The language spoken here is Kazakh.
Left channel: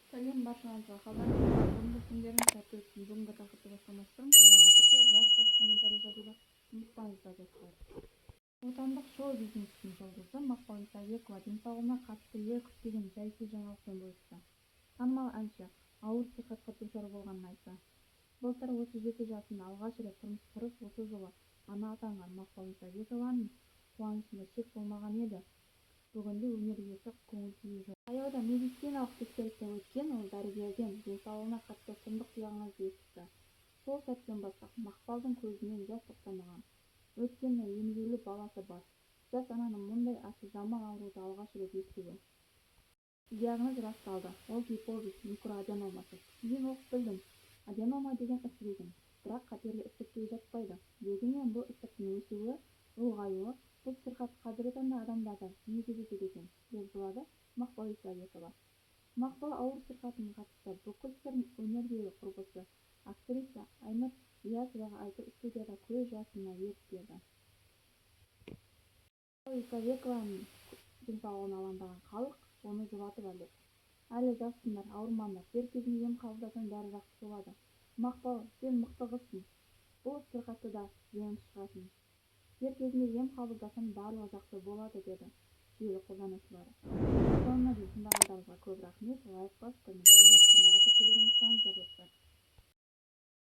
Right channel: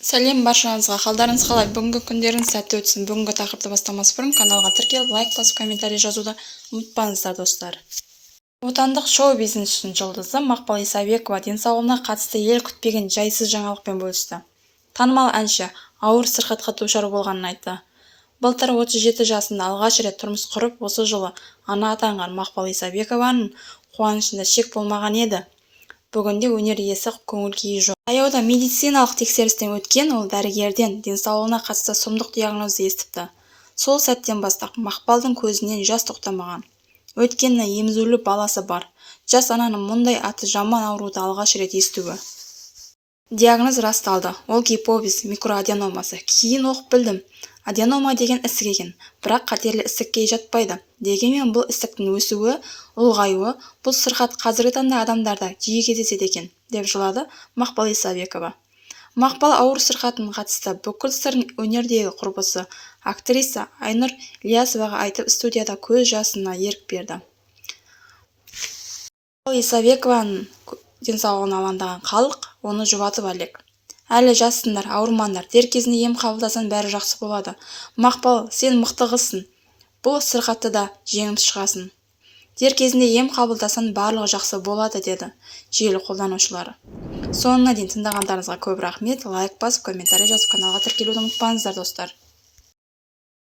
Сәлем баршаңызға, қалдарыңыз қалай? Бүгінгі күндеріңіз сәтті өтсін. Бүгінгі тақырыпты бастамас бұрын каналға тіркеліп, лайк басып, комментарий жазуды ұмытпаңыздар, достар. Отандық шоу-бизнестің жұлдызы Мақпал Исабекова денсаулығына қатысты ел күтпеген жайсыз жаңалықпен бөлісті. Танымал әнші ауыр сырқатқа душар болғанын айтты. Былтыр 37 жасында алғаш рет тұрмыс құрып, осы жылы ана атанған Мақпал Исабекованың қуанышында шек болмаған еді. Бүгінде өнер иесі көңіл-күйі жоқ. Таяуда медициналық тексерістен өткен ол дәрігерден денсаулығына қатысты сұмдық диагнозды естіпті. Сол сәттен бастап Мақпалдың көзінен жас тоқтамаған. Өйткені емізулі баласы бар. Жас ананың мұндай аты жаман ауруды алғаш рет естуі. Диагноз расталды. Ол гипофиз микроаденомасы. Кейін оқып білдім. Аденома деген ісік екен, бірақ қатерлі ісікке жатпайды. Дегенмен бұл ісіктің өсуі, ұлғаюы, бұл сырқат қазіргі таңда адамдарда жиі кездеседі екен, деп жылады Мақпал Исабекова. Мақпал ауыр сырқатына қатысты бүкіл сырын өнердегі құрбысы, актриса Айнұр Ілиясоваға айтып, студияда көз жасына ерік берді. Мақпал Исабекованың денсаулығына алаңдаған халық оны жұбатып әлек. Әлі жассыңдар, ауырмаңдар, дер кезінде ем қабылдасаң бәрі жақсы болады. Мақпал, сен мықты қызсың. Бұл сырқатты да жеңіп шығасың. Дер кезінде ем қабылдасаң барлығы жақсы болады, деді желі қолданушылары. Соңына дейін тыңдағандарыңызға көп рахмет. Лайк басып, комментарий жазып, каналға тіркелуді ұмытпаңыздар, достар.